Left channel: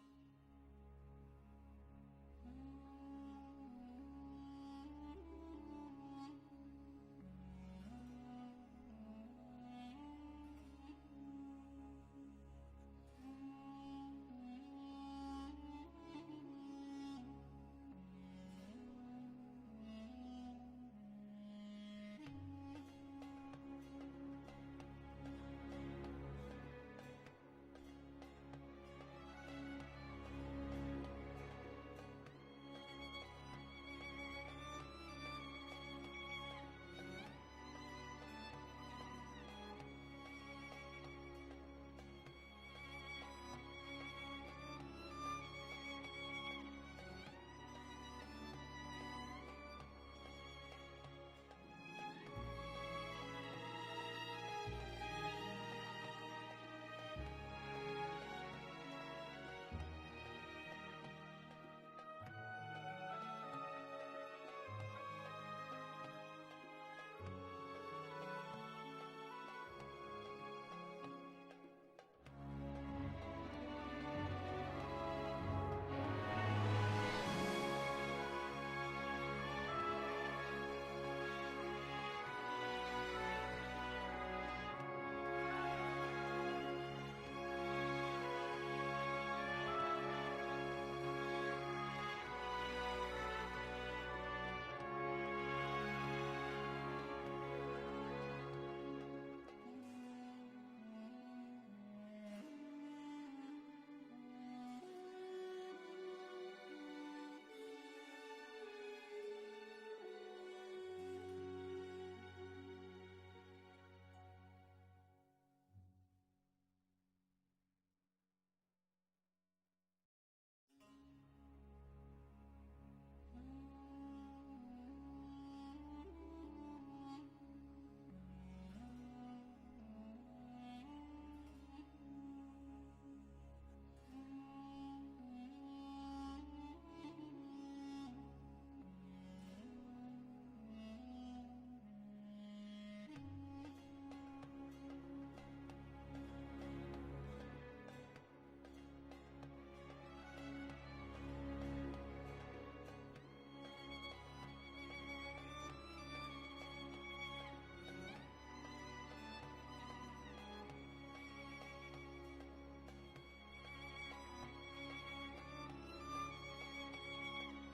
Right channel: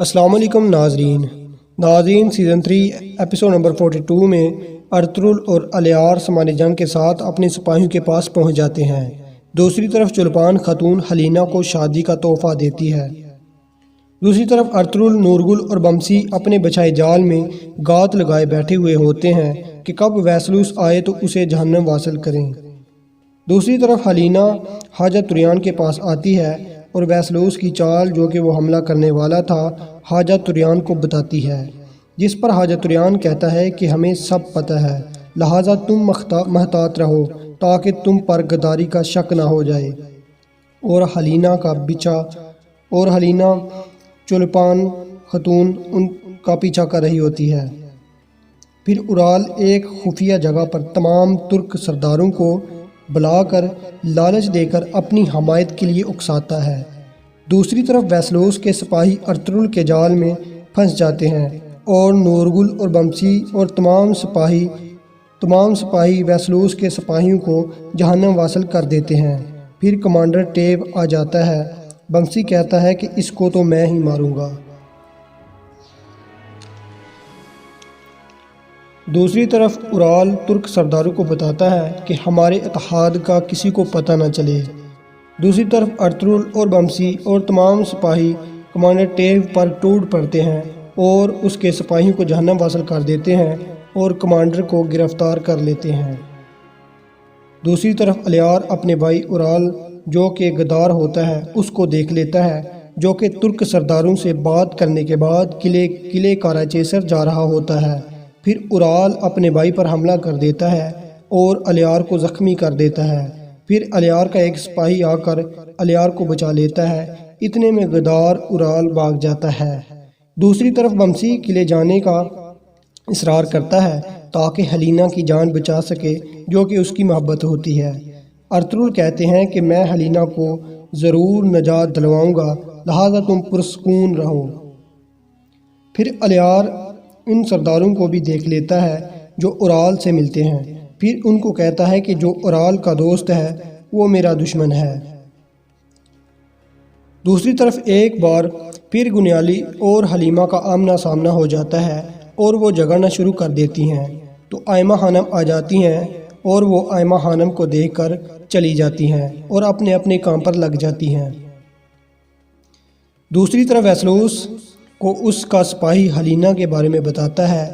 अस्सलाम वालेकुम नाजरीन सीज़न 3 एपिसोड नंबर 42 में अर्तुगरुल और अलियार सामान जंग के साथ अपने सिपाहियों के पास पहुंच जाते हैं। दूसरी तरफ चुलपान खातून हलीना को शादी का तोहफा देती है। दूसरी तरफ अर्तुगरुल, नूरगुल और बमसी अपने बछाए जाल में गात लगाए बैठे हुए होते हैं कि कब वैसलूस आए तो उसे जहन्नम वासिल करें। दूसरी तरफ हलीना हाजा तुरैयान के पास आती है और वैसलूस की चाल जो कि वो हमला करने वाला था हाजा तुरैयान को बताती है, जिस पर हाजा तुरैयान कहता है कि हमें सब पता है, लिहाजा तुम महतात रहो ताकि तुम पर गद्दारी का शक ना हो जाए। और हलीना चुलपान खतून उनका पीछा कर रही होती है। फिर उराल एक खुफिया जगह पर तमाम तुर्क सरदारों को बुलाकर लालच देकर अपनी हमायत के लिए उकसाता है। दूसरी तरफ वैसलूस के सिपाही अर्तुगरुल के जाल में फंस जाते हैं और नूरगुल और बमसी और तमाम सिपाही वैसलूस के सिपाहियों को जहन्नम वासिल कर देते हैं। फिर कमांडर टेब आ जाता है। बमसी कहता है कि इसको तो मैं ही मारूंगा। दूसरी तरफ उराल तुर्क सरदारों को बताता है कि हमारे इत्तेहाद का किसी को पता न चले। दूसरी तरफ अर्तुगरुल और बमसी और तमाम सिपाही कमांडर टेब पर टूट पड़ते हैं और उसके सिपाहियों को जहन्नम वासिल कर देते हैं और कमांडर को गिरफ्तार कर लेते हैं। दूसरी तरफ अलियार अपने भाई उराल जो कि गद्दार होता है उसको देख लेता है, जो कि तुर्क सरदारों से बात करने के बाद किले काराचेसर जा रहा होता है। फिर उराल अपने भाई पर हमला कर देता है और अलियार को ज़ख्मी कर देता है। फिर अलियार का एक सिपाही आकर अलियार को बचा लेता है। इतने में गद्दार उराल भाग जाता है। दूसरी तरफ बमसी किले जाने का इसरार करता है ताकि हलीना की जान बचा सके, जो कि उसकी मोहब्बत होती है। अर्तुगरुल कहते हैं कि मैं हलीना को ज़रूर नजात दिलवाऊंगा, लिहाजा तुम पुरसकून रहो। फिर अलियार उन सरदारों को भी देख लेता है जो उराल से मिलते हैं। फिर उनको कहता है कि जो उराल का दोस्त है वो मेरा दुश्मन है। दूसरी तरफ एक बार फिर गुनियाली और हलीमा का आमना सामना हो जाता है और वो झगड़ना शुरू कर देती हैं। तो आयमा खानम आ जाती हैं और वो आयमा खानम को देखकर चली जाती हैं और अपने अपने काम पर लग जाती हैं। दूसरी तरफ वैसलूस को उसका सिपाही हलीना के बारे में बताता है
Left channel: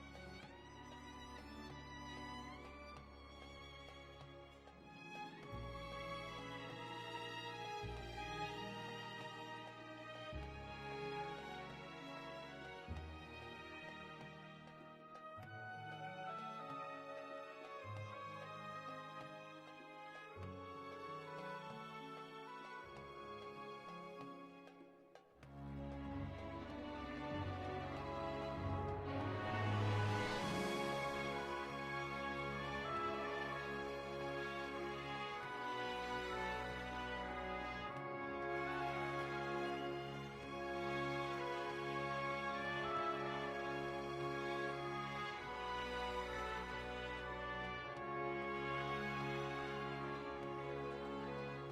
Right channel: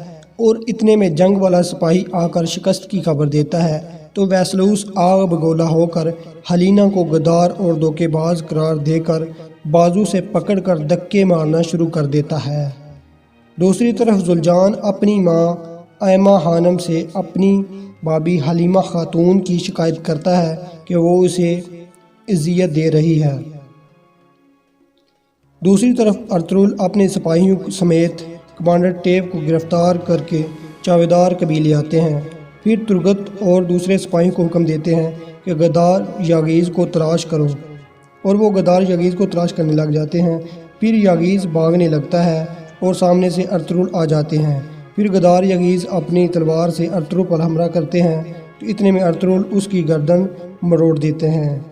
और इतने में जंग वाला सिपाही आकर शिकस्त की खबर देता है। तो वैसलूस आग बगोला होकर हलीना को गद्दार और धोखेबाज करार देकर बाजू से पकड़कर धक्के मारना शुरू कर देता है। दूसरी तरफ जुलजान अपनी माँ आयमा खानम से अपनी भाभी हलीमा खातून की शिकायत करता है कि वो उसे इज़्ज़त दे रही है। दूसरी तरफ अर्तुगरुल अपने सिपाहियों समेत कमांडर टेब को गिरफ्तार करके चावेदार कबीले आते हैं। फिर तुर्गत और दूसरे सिपाहियों को हुक्म देते हैं कि गद्दार यागीज़ को तलाश करो, और वो गद्दार यागीज़ को तलाश करने लग जाते हैं। फिर यागीज़ भागने लगता है और सामने से अर्तुगरुल आ जाते हैं। फिर गद्दार यागीज़ अपनी तलवार से अर्तुगरुल पर हमला करते हैं। तो इतने में अर्तुगरुल उसकी गर्दन मरोड़ देते हैं,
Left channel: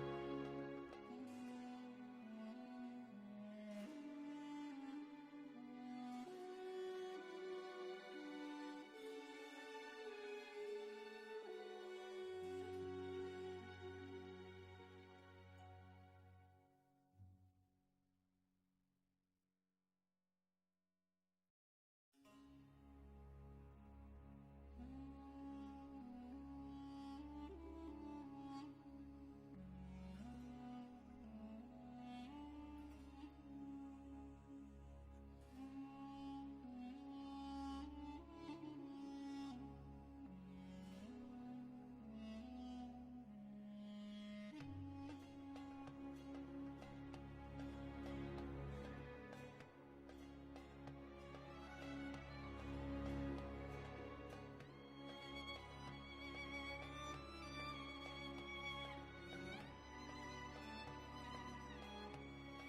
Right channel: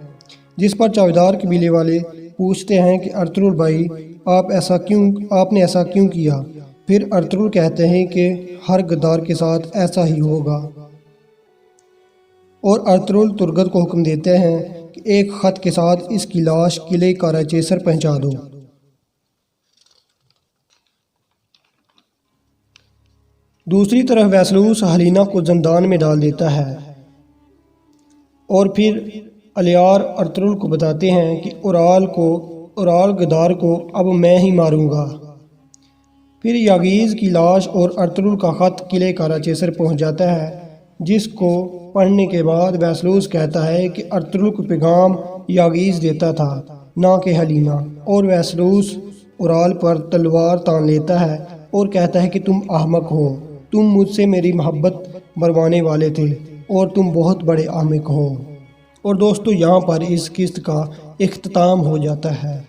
जिस पर चावेदार कबीले वाले पूछते हैं कि अर्तुगरुल भाई आपने ऐसा क्यों किया। फिर अर्तुगरुल कहते हैं कि हर गद्दार के साथ ऐसा ही होगा। और अर्तुगरुल तुर्गत को हुक्म देते हैं कि एक ख़त के साथ इसकी लाश किले काराचेसर पहुंचा दो। दूसरी तरफ वैसलूस हलीना को ज़ंदान में डाल देता है और फिर अलियार अर्तुगरुल को बताते हैं कि उराल गद्दार को अब मैं ही मारूंगा। फिर यागीज़ की लाश और अर्तुगरुल का ख़त किले काराचेसर पहुंच जाता है, जिसको पढ़ने के बाद वैसलूस कहता है कि अर्तुगरुल को पैगाम यागीज़ देता था, ना कि हलीना। और वैसलूस उराल पर तलवार तान लेता है और कहता है कि तुम अहमक हो, तुम मुझसे मेरी मोहब्बत मरवाने वाले थे और तुम बहुत बड़े अहमक हो। और दोस्तों, यहाँ पर इस किस्त का इख्तिताम हो जाता है।